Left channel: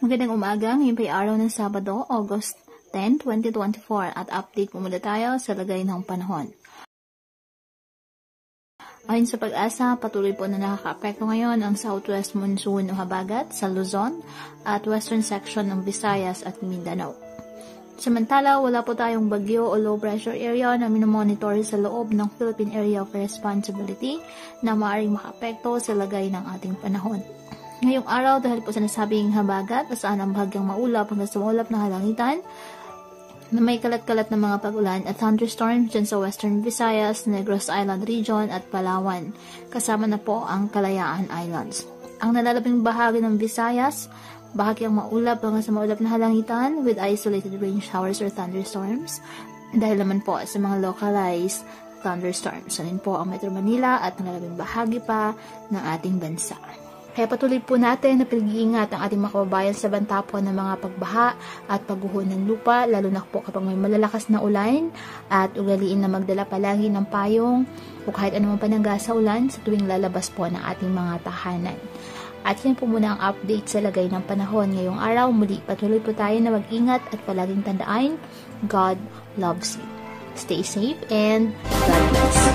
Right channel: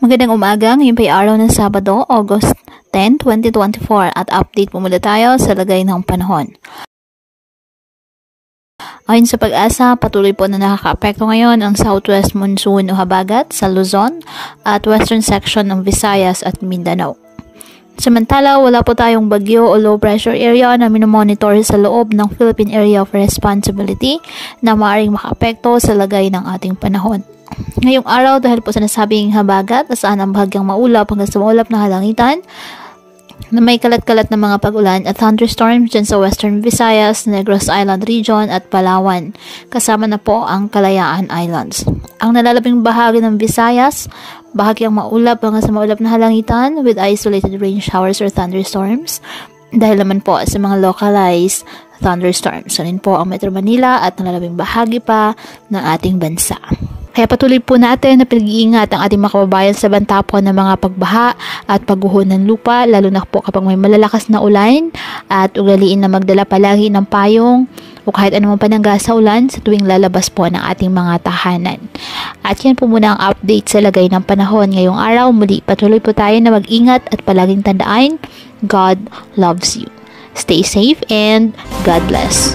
Magandang umaga, ngayon pa araw ng Sabado, August 10, 2024 at update po muna tayo sa lagay ng panahon. Ayon sa Pag-asa, patuloy po na nakakaapekto ngayon ang southwest monsoon o habagat sa Luzon at western section ng Visayas at Mindanao. Samantala, wala po tayong bagyo o low pressure area na minomonitor sa loob ng Philippine Area of Responsibility na maaaring makaapekto sa lagay ng ating panahon. Ngayong araw, dahil po sa nasabing habagat, saan ang bahagyang maulap hanggang sa maulap na halangitan, na may kalat-kalat na mga pag-ulan at thunderstorms dyan sa Western Visayas, Negros Island Region at Palawan. Kasama na po ang Kalayaan Islands. Ang nalalabing bahagi ng Visayas, bahagyang maulap hanggang sa maulap na halangitan with isolated rain showers or thunderstorms. Dahil naman po sa mga localized thunderstorms. Sanin po ang Metro Manila at nalalabing bahagi pa ng ating bansa. Kaya patuloy po natin na pinag-iingat ang ating mga kababayan sa banta po ng mga pagbaha at pagguho ng lupa, lalo na po kapag may malalakas na ulan, at ugaliin na magdala palagi ng payong o kahit anumang panangga sa ulan sa tuwing lalabas po ng ating mga tahanan. At yan po muna ang update sa lagay ng panahon ngayong araw. Muli patuloy po tayo na mag-ingat at palaging tandaan, God loves you. Stay safe and God bless.